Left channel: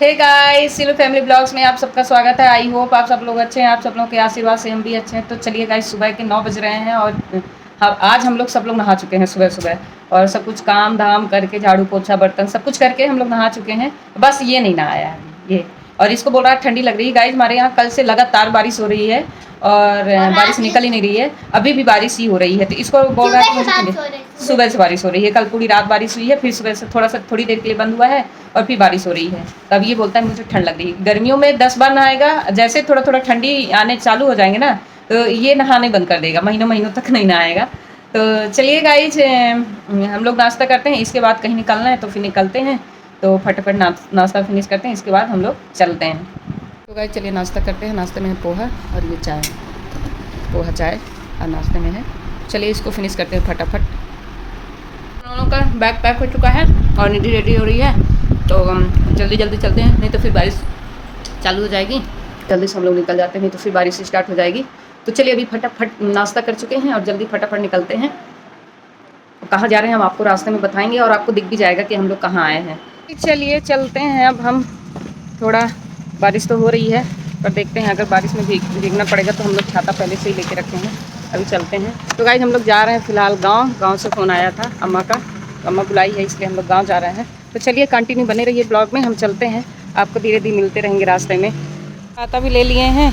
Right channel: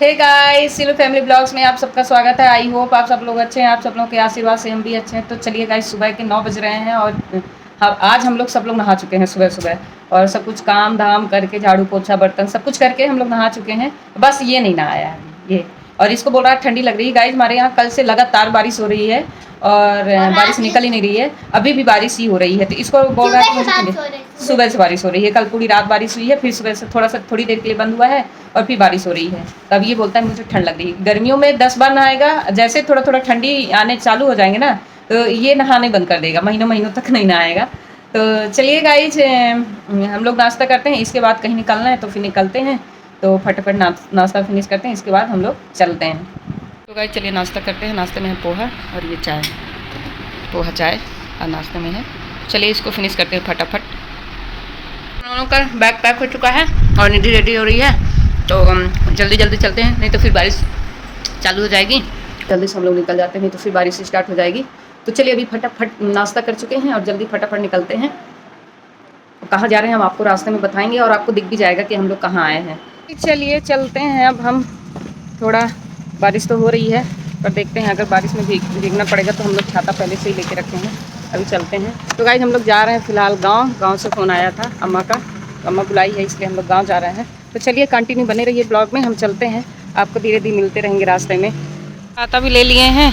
Hey guys, सिलो family blogs में आप सबका स्वागत है। आई होप आप सब लोग अच्छे हैं। आप सब लोगों के आशीर्वाद से हम भी अच्छे हैं। तो चलिए गाइस, सुबह के 9 बज रहे हैं और आज हम लोग सब लोग नहा चुके हैं सुबह सुबह, और सब कुछ काम धाम करके, झाड़ू पोछा बर्तन सब कुछ करके हम लोग नहा चुके हैं। बस ये नहीं नहाया है ये, और इसको बोल रहा है ठंडी लग रही है। गाइस, हमारे यहाँ कल से लगातार बारिश हो रही है और बारिश निकल ही नहीं रही है। अभी भी बारिश ही हो रही है, तो इसको बोल रहा है कि मुझे ठंडी। सुबह से बारिश हो रही है, कल पूरी रात बारिश हुई है, फिर सुबह से थोड़ी देर के लिए बंद हुआ है और फिर बारिश हो रही है। तब ये बोलता है मुझे ठंड लग रही है। गर्मियों में 10 बार नहाएगा, जैसे थोड़ा थोड़ा ठंडी आने चालू हो जाएंगे ना, तो ये नहाने बंद कर देगा, महीनों महीनों तक नहीं नहाएगा। तो चलिए गाइज, हम लोग नाश्ता करते हैं, इसके बाद कहीं निकलना है तो फिर निकलते हैं। तो फटाफट नाश्ता फिनिश करते हैं, इसके बाद हम लोग चलते हैं। तो गाइज चलिए नाश्ता करते हैं। नाश्ते में है पोहा और ये चाय, पोहा चाय और नाश्ते में है। चलिए इसको फिनिश करते हैं फटाफट। दोनों का बैग पैक हो चुका है और निधि रेडी हो रही है, तो जल्दी जल्दी चलते हैं, नहीं तो फिर बारिश चालू हो जाएगी। जल्दी से हम लोग निकल जाते हैं, नहीं तो फिर बारिश स्टार्ट हो जाएगी। तो चलिए अभी फटाफट नाश्ता कर चुके हैं और जल्दी फटाफट निकलते हैं। कहाँ जा रहे हैं हम आपको रास्ते में बताएंगे, और आपको दिख भी जाएगा कि हम लोग कहाँ आए हैं। चलिए चलते हैं अब हम। थोड़ा बारिश तो हो रही है, पर देखते हैं, अगर बारिश में भीगना पड़ेगा तो हम लोग छाता पहले से ही लेके रखे हैं। अभी चलते हैं। तो गाइस, हम लोग जा रहे हैं फ़िलहाल गांव से फ़ोन आया था अम्मा का, अम्मा बुलाई है, इसलिए हम लोग गांव जा रहे हैं। तो चलिए कंटिन्यू बने रहिए ब्लॉग में, हम चलते हैं, आपको धीरे धीरे मिलते रहेंगे रास्ते में। छाता भी ले लिए हैं,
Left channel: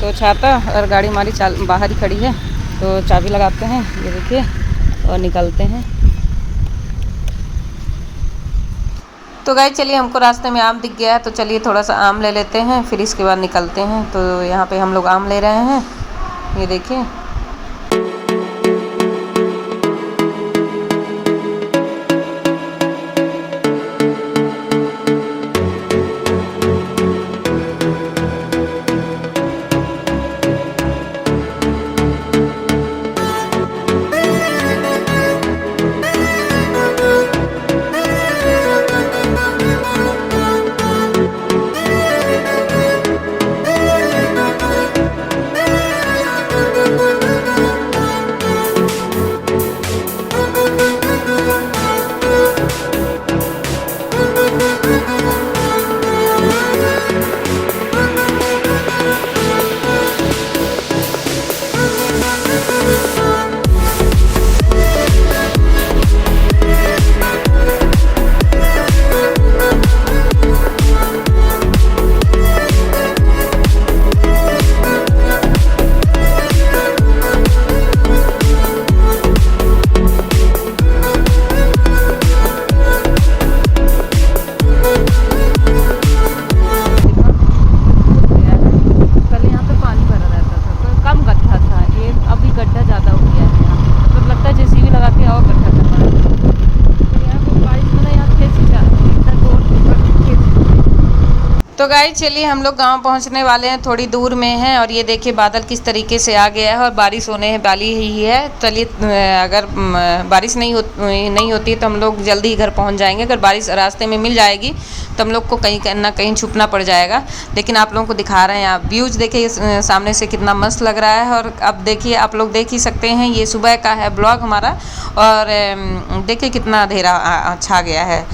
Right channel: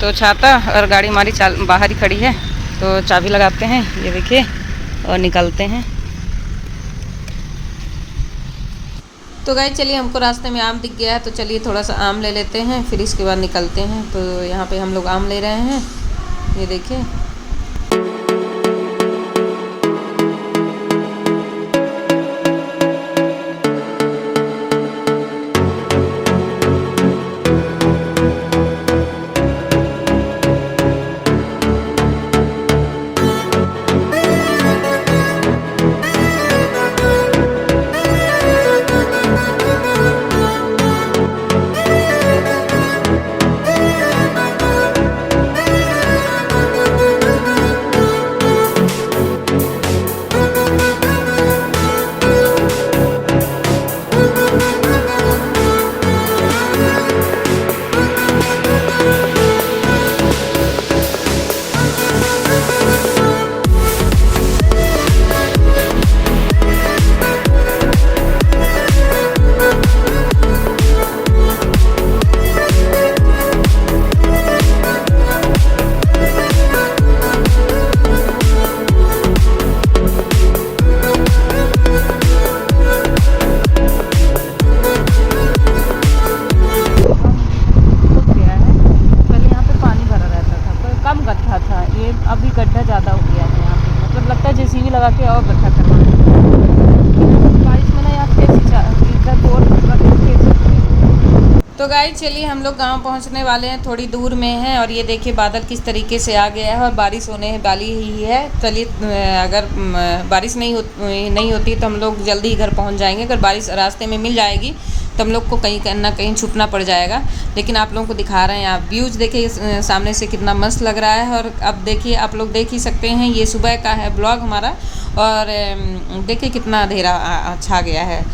तो छाता और गाड़ी हमारी बाहर ही खड़ी है, तो चाबी लगाते हैं, ये देखिए, और निकलते हैं। तो गाइस चलिए, हमको रास्ते में आम दिख गया है, तो चलिए थोड़ा सा आम ले लेते हैं, फिर इसके बाद निकलते हैं। तो यहाँ पे हम लोग आम ले रहे हैं, ये देखिए। तो गाइस चलिए, हम लोग गांव पहुंचने वाले हैं, थोड़ी दूर में हैं, और ये देखिए बादल किस तरीके से आ गया है और बारिश होने वाली ही है। चलिए, अगर बारिश नहीं होती तो हम लोग जल्दी ही घर पहुंच जाएंगे। अगर बारिश रास्ते में मिल जाएगी तो हम लोग को कहीं ना कहीं छुपना पड़ जाएगा। लेकिन आप लोगों को दिखा रहे हैं, आप व्यूज़ देखिए सामने से कितना मस्त लग रहा है। और अब देखिए, आप लोग देख ही सकते हैं, ये सुबह का है ब्लॉग हमारा, और देखिए कितना अंधेरा छा गया है।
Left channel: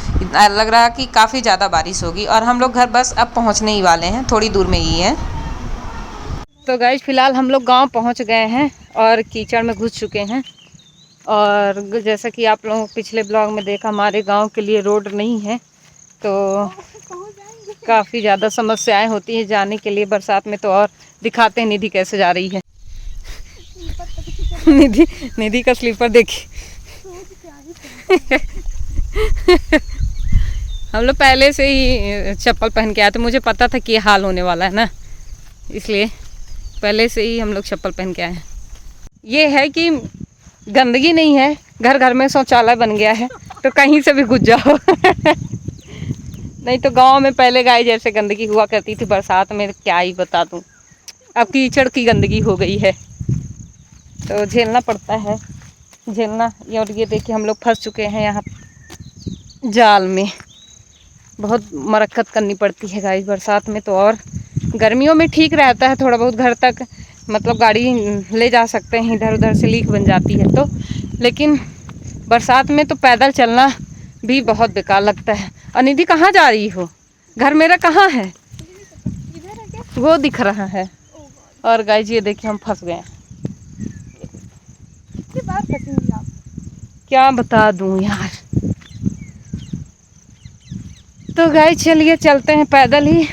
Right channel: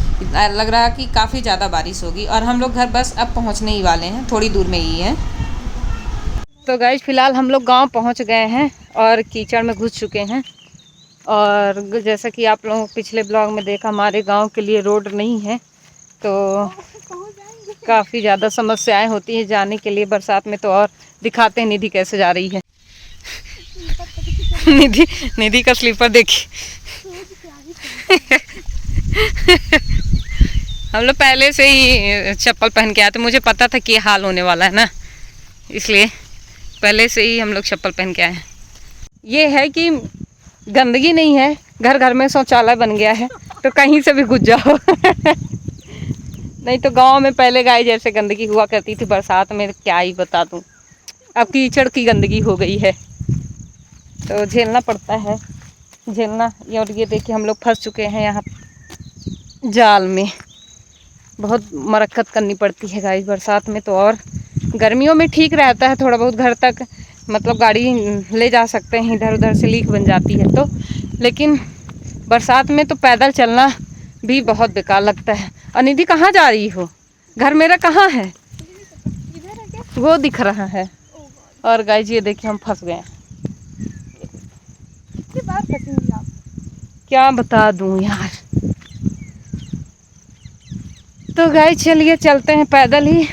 लग रहा है कि काफ़ी ज़्यादा बारिश होगी, और हम लोग घर बस अब पहुंचने ही वाले हैं, थोड़ी दूर में ही है। तो गाइस फिलहाल हम लोग गांव पहुंच गए हैं और कीचड़ में घुस चुके हैं। और जैसा कि आप लोगों पिछले ब्लॉग में देखा, हमारे गांव के लिए रोड नहीं है, तो काफ़ी ज़्यादा समस्याएं होती हैं जाने के लिए बरसात में। तो और दिखाते हैं निधि कैसे जा रही है। निधि का स्लीपर देखिए। हम लोग पहले से ही चप्पल पहन के आए थे, मुझे पता था कि ये हाल होने वाला है ना, इसलिए पहले से ही हम लोग चप्पल पहन के आए हैं। ये है कि गंदगी नहीं है, घर घर में शौचालय बन गया है, तो कहीं से भी घुस जाओ। नहीं तो गांव में पहले गाय जैसे गंदगी हुआ करती थी बरसात में, क्या ही बता दूं। अब कीचड़ की गंदगी हो गई है, तो झेलना पड़ता है, झेलना। और ये देखिए, हम लोग फंस चुके हैं यहाँ जाल में। बहुत मरक्कत करनी पड़ती है गाइस बरसात में। तो और गर्मियों में ठीक रहता है, थोड़ा बहुत घर तक मतलब गाड़ी ले जा सकते हैं, इधर उधर से लीक बन जाती है तो। लेकिन बरसात में तो पैदल चलना भी बहुत बेकार लगता है। और निधि कहाँ जा रही हो? घर मेरा कहाँ है? वो दिख रहा है। और गाइस ये देखिए हम फंस गए। क्या बता दूं यार। तो गाइस चलिए चलते हैं पैदल ही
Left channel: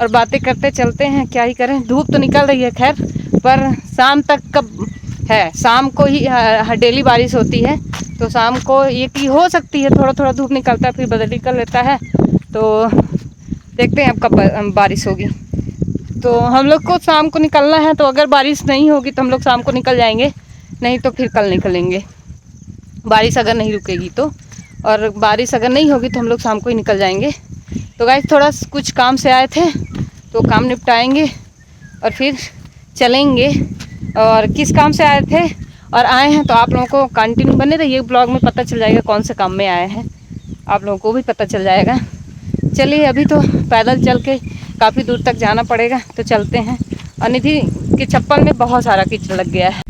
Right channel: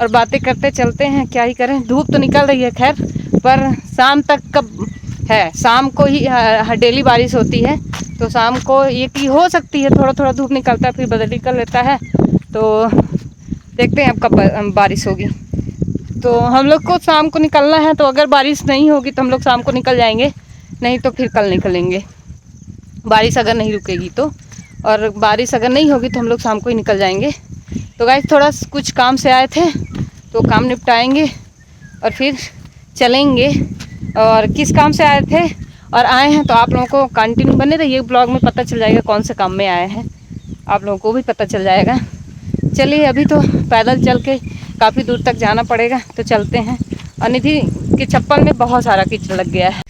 और बातें करते चलते हैं, क्या ही करें। धूप तो निकल रही है खैर, पर शाम तक कब है, शाम को ही डेली बारिश होती है, तो शाम को ये की हो सकती है थोड़ा थोड़ा धूप निकलता है फिर बदल निकल लेता है। तो देखते हैं अब कब बारिश होगी। तो हम लोग को शाम को निकलना है, तो अगर बारिश नहीं होगी तो हम लोग शाम को निकल जाएंगे, नहीं तो फिर कल निकलेंगे, बारिश अगर नहीं रुकेगी तो। और बारिश अगर नहीं होगी तो हम लोग शाम को ही निकल जाएंगे। तो गाइस थोड़ा कुछ काम से आए थे तो काम निपटाएंगे और फिर चलेंगे। और किस काम से आए थे और आए हैं तो आप लोगों को कंटिन्यू बने रहिए ब्लॉग में, पता चल जाएगा कौन से काम में आए हैं, आप लोगों को भी पता चल जाएगा। चलिए अभी तो पैदल चल के काफ़ी दूर तक जाना पड़ेगा, तो चलते हैं। और निधि के चप्पल में बहुत सारा कीचड़ लग गया है।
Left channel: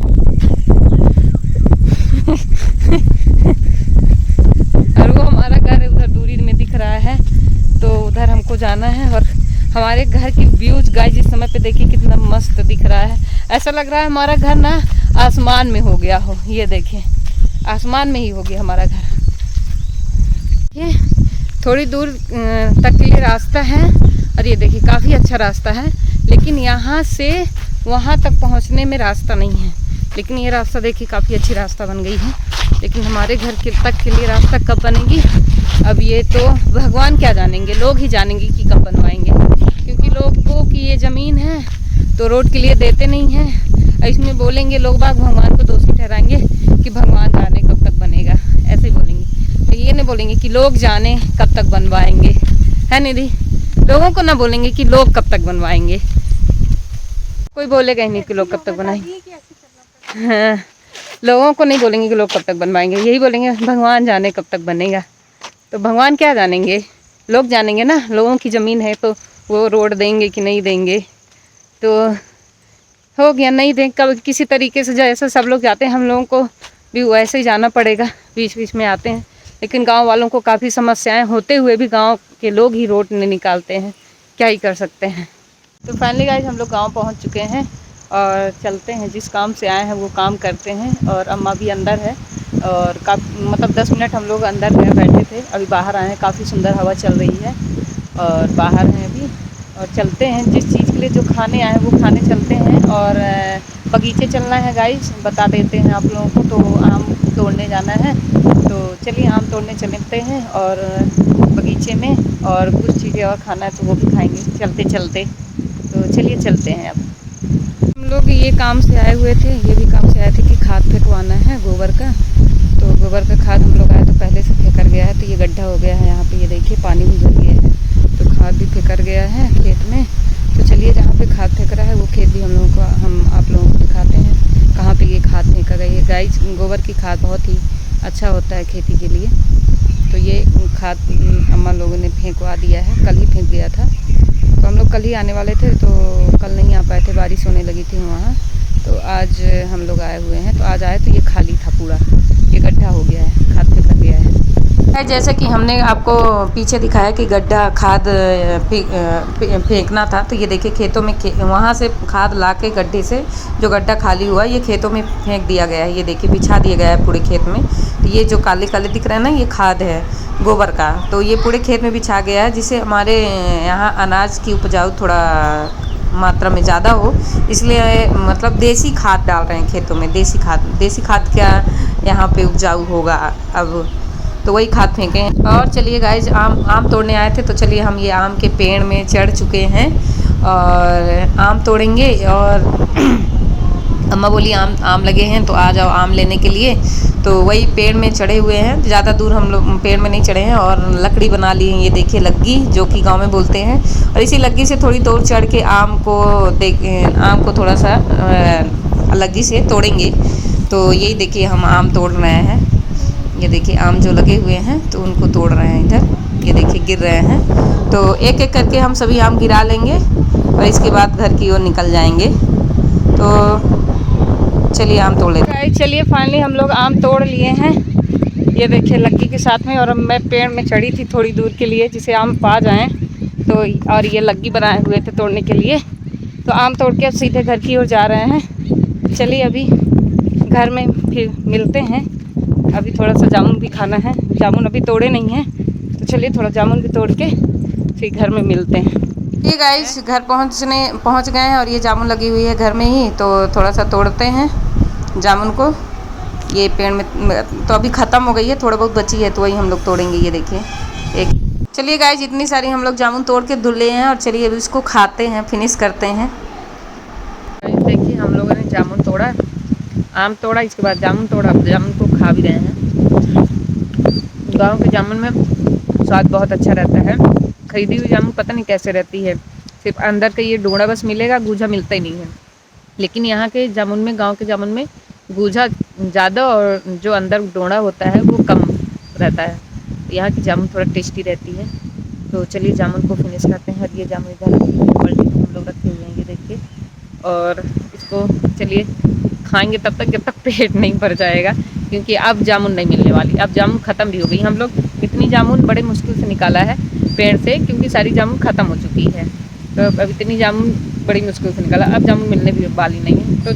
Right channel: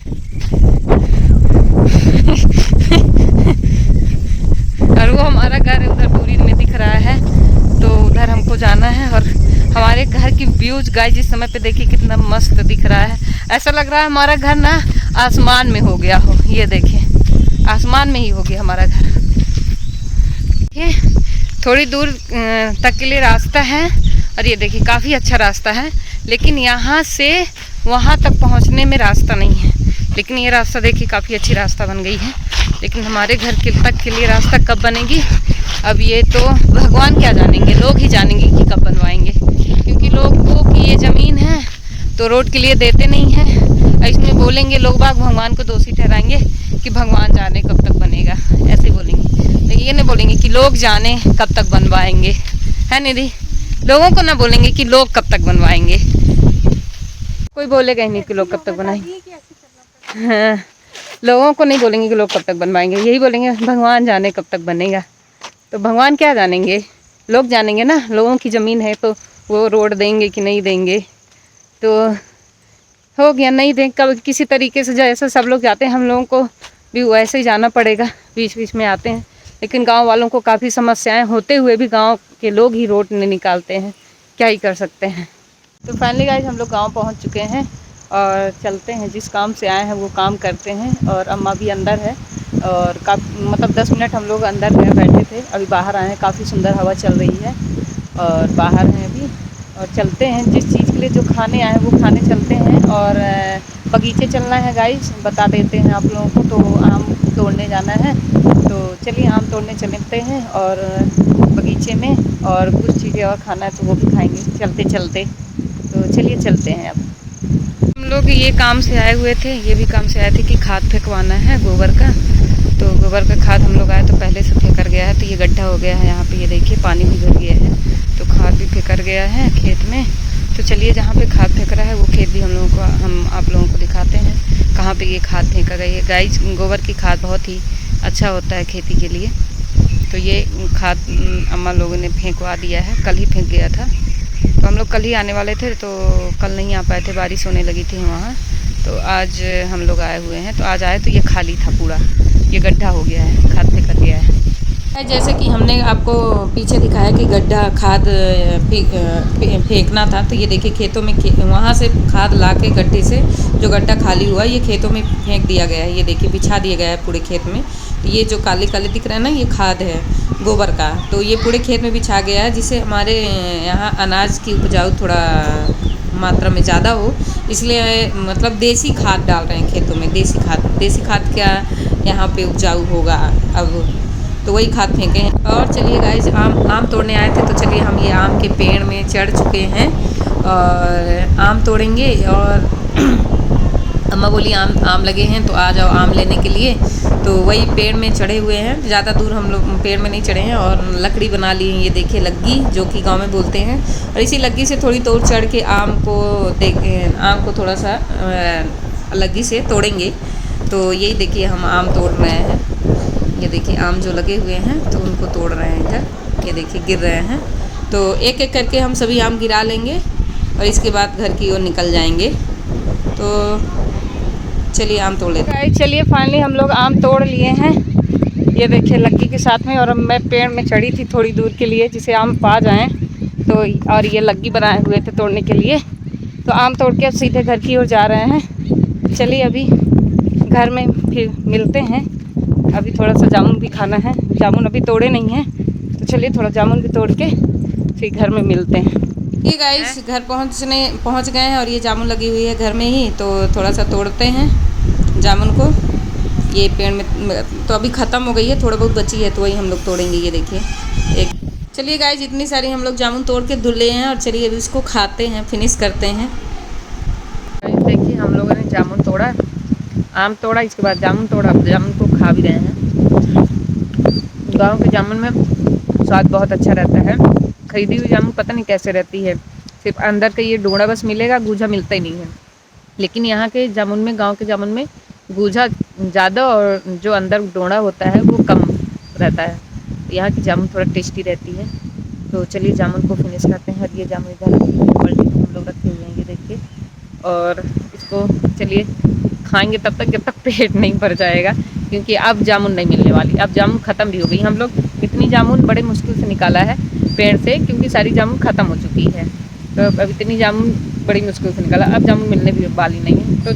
और वो हमारा घर उधर दूरी में दिख रहा है, तो उधर हमको जाना है। और हमारे घर की व्यूज गाइस इस समय पे देखिए कितना मस्त दिख रहा है। ऐसा लग रहा है हमारा घर ना आसमान में हो गया हो। ये देखिए आसमान में ही हो गया हमारा घर। ये थोड़ी दूर तक के लिए रास्ता है और ये देखिए काफ़ी अच्छा रास्ता है, लेकिन यहाँ से वहाँ तक पहुँचने में रास्ता नहीं है। लेकिन ये रास्ता देखिए काफ़ी अच्छी रास्ता बन गई है, लेकिन हमारे घर के तक के लिए रास्ता कब बनेगी अब ये तो भगवान क्या जानेंगे, लोग ही जानेंगे कि कब बनवाएंगे। क्योंकि लोगों की ये ज़मीन है तो रोड के लिए देते नहीं हैं। इसमें बोलेंगे लोग बाग भगवान को दोषी ठहराएंगे कि भगवान जाने कब तक बनेगा, ऐसे बोलेंगे। लेकिन ये नहीं बोलेंगे कि लोग जाने कब तक बनवाएंगे, है निधि? लोगों को ना बोलेंगे कि लोग कब तक बनवाएंगे, कोई बोलेगा ही नहीं कि लोग कब तक बनाएंगे। हाँ, लोगों को नहीं बोलेंगे कि लोग कब तक बनवाएंगे, यही बोलेंगे भगवान जाने कब तक बनेगा। तो भगवान क्या जानेंगे, लोग जानेंगे ना। लोगों की ज़मीन है तो वो रोड देंगे कि नहीं देंगे, तो हो गया नहीं दें कब किसी तरीके से जैसे सब लोग जाते हैं हम लोगों को भी वैसे ही जाना पड़ेगा। बीच बीच में आते हैं, लेकिन गांव वालों को काफ़ी समस्याएं होते हुए भी गांव के लोग ही रोड नहीं निकालते हैं, क्या ही कर सकते हैं। तो फाइनली गाइस हम लोग गांव पहुंच चुके हैं और चलते हैं, जिस काम से आए हैं वो काम करते हैं। और अम्मा भी अंदर है और मतलब 10 मिनट हम लोग अंदर में बैठे थे, अभी बाहर आए हैं, काफ़ी सुंदर हवा चल रही है और बाहर हैं अभी। और चलते हैं जिस चीज़ के लिए जो खाने आए हैं वो खाने चलते हैं। और बगीचे चलना है गाइस, बता देते हैं आप लोगों को। तो आम तोड़ने जाना है, तो चलिए आम तोड़ने चलते हैं और बगीचे में, और कुछ चीज़ें और खाना है तो वो भी खाएंगे चलते चलते। तो चलिए चलते हैं। अब हम लोग ये काम से आए हुए थे, ये भी काम से आए थे कि खाद फेंकवाना है गोबर का। तो गोबर का खाद हम लोग आए तो पहले से फेंकर गया है, तो ये गड्ढा हो गया है यहाँ पे, ये देखिए पानी भी भर गया है, तो खाद भी फेंकर गया है खेत में। तो चलिए जहाँ पे खाद फेंक रहा है वो खेत भी हम आप लोगों को दिखाते हैं कहाँ पे ये खाद फेंका गया है। गाय गोबर की खाद बहुत ही अच्छा होता है खेती के लिए। तो ये खाद अम्मा लोगों ने फेंकवा दिया है, कल ही फेंक गया था। तो हम लोग कल ही आने वाले थे, तो कल नहीं आ पाए थे, बारिश होने लगी थी वहाँ। तो आज हम लोग आए हुए हैं, तो आज आए तो ये खाली था पूरा, ये गड्ढा हो गया है, खाद फेंका गया है। जैसे कि हमने आपको पीछे दिखाया कि गड्ढा खाद फेंकना था, तो ये देखिए खेतों में वहाँ से खाद ला के गड्ढे से जो गड्ढा खाली हुआ ये खेतों में फेंक दिया गया है। ये देखिए बिछा दिया गया है पूरे खेत में। तो ये जो काले काले दिख रहा है ना, ये खाद है गोबर का, तो ये पूरे खेत में बिछा गया है, जिससे हमारे यहाँ अनाज की उपजाऊ थोड़ा मात्रा में ज़्यादा हो, इसलिए मतलब देसी खाद डाल रहे हैं खेतों में। देसी खाद क्या यहाँ पे उपजाऊ होगा अब, तो वही खाद फेंके हैं। और चलिए गाइज आम तोड़ने आए थे, तो चलिए हम ये आम के पेड़ में चढ़ चुके हैं और आम तोड़ेंगे। और अम्मा बोली आम लगे हैं तो आ जाओ आम लेने के लिए। तो वही पेड़ में चढ़े हुए हैं, ज़्यादा दूर हम लोग पेड़ में नहीं चढ़े हैं। और लकड़ी बना ली है, ये देखिए लग्गी, जो कि गांव में बोलते हैं। और इसी लग्गी से थोड़ी दूर चढ़ के आम को थोड़ा सा लग्गी से तोड़ेंगे। तो यही देखिए हम आम तोड़ रहे हैं, ये देखिए आम जो लगे हुए हैं तो उनको तोड़ रहे हैं इधर, ये देखिए गिर रहे हैं। तो एक एक करके हम सभी आम गिरा लेंगे और इसके बाद घर की ओर निकल जाएंगे। तो चलिए आम तोड़ लेते हैं। चलिए फाइनली हम लोग आम तोड़ लिए हैं, ये देखिए लग्गी के साथ में। और मैं पेड़ में चढ़ी थी थोड़ी दूर के लिए, जिसे आम पा जाएं, तो और ये लग्गी बनाए हुए थे तोड़ने के लिए। तो आम तोड़ के अब सीधे घर की ओर जा रहे हैं। चलिए अभी घर में फिर मिलते हैं। अभी थोड़ा सा जामुन भी खाना है, जामुन अभी तोड़े नहीं हैं, तो चलिए थोड़ा जामुन भी तोड़ के फिर घर में मिलते हैं। ये गाइस घर पहुंच गए हैं और ये जामुन लगी हुई है घर में ही, तो थोड़ा सा तोड़ते हैं जामुन को। ये पेड़ में तो अभी ख़त्म हो गई है, थोड़ा बहुत बची है तो वही हम लोग तोड़ेंगे। ये देखिए एक, चलिए गाइस इतनी सारी हम लोग जामुन तोड़ के धुले हैं और चलिए अभी इसको खाते हैं, फिनिश करते हैं। देखिए हम लोगों ने जामुन तोड़ा, आम तोड़ा, इसके बाद जामुन तोड़ा, जामुन को खा भी रहे हैं। गांव के जामुन में स्वाद बहुत अच्छा रहता है। खरीदी हुई जामुन पता नहीं कैसे रहती है, सिर्फ अंदर का ये डोड़ा बस मिलेगा, गूजा मिलता ही नहीं है। लेकिन यहाँ के जामुन में, गांव के जामुन में गूजा ज़्यादा और जो अंदर डोड़ा होता है वो कम रहता है। तो यहाँ की जामुन थोड़ा टेस्टी रहती है। तो चलिए जामुन को फिनिश करते हैं। और ये जामुन इधर बाल्टी में हम लोग रखे हुए हैं, ये देखिए। और इसको चलिए खाएंगे तब तक जब तक पेट नहीं भर जाएगा, क्योंकि अब जामुन नहीं मिलने वाली। अब जामुन ख़त्म भी हो गई। हम लोग इतनी जामुन बड़े मुश्किल से निकाला है पेड़ से, क्योंकि सारी जामुन ख़त्म हो चुकी है। तो अब इतनी जामुन बड़ी मुश्किल से निकाला, अब जामुन मिलने भी वाली नहीं है, तो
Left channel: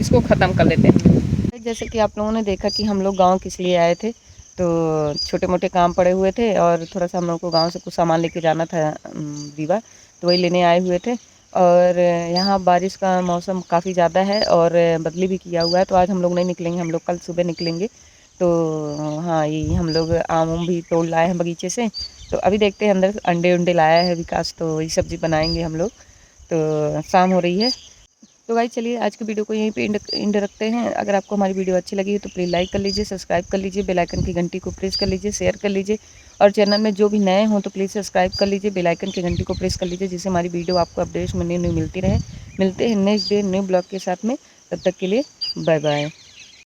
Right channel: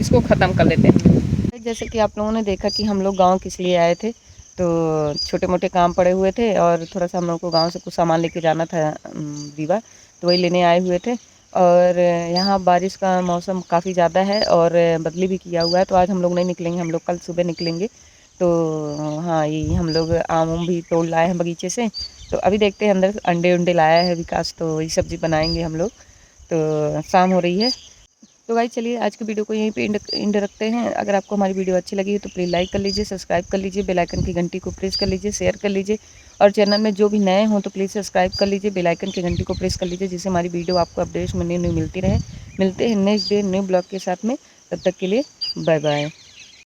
इसको ख़त्म कर लेते हैं। जैसे कि आप लोगों ने देखा कि हम लोग गाँव किस लिए आए थे, तो छोटे मोटे काम पड़े हुए थे और थोड़ा सा हम लोग को गाँव से कुछ सामान लेके जाना था रीवा, तो वही लेने आए हुए थे। और यहाँ बारिश का मौसम काफ़ी ज़्यादा है और बदली भी किया हुआ है, तो आज हम लोग नहीं निकलेंगे, हम लोग कल सुबह निकलेंगे। तो हाँ, ये हम लोग आम उम भी तोड़ लाए हैं बगीचे से। तो अभी देखते हैं, अंदर अंडे उंडे लाया है विकास, तो वही सब्ज़ी बनाएंगे हम लोग। तो शाम हो रही है। तो भाई चलिए आज की वीडियो को यहीं पे एंड रखते हैं। अगर आपको हमारी वीडियो अच्छी लगी तो प्लीज़ लाइक कर लीजिए, सब्सक्राइब कर लीजिए, बेल आइकन की घंटी को प्रेस कर लीजिए, शेयर कर लीजिए। और चैनल में जो भी नए हों तो प्लीज़ सब्सक्राइब कर लीजिए, बेल आइकन की घंटी को प्रेस कर लीजिए, जिससे हमारी वीडियो आपको अपडेट्स में न्यू मिलती रहे। मिलते हैं नेक्स्ट डे न्यू ब्लॉग के साथ में, तब तक के लिए बाय बाय।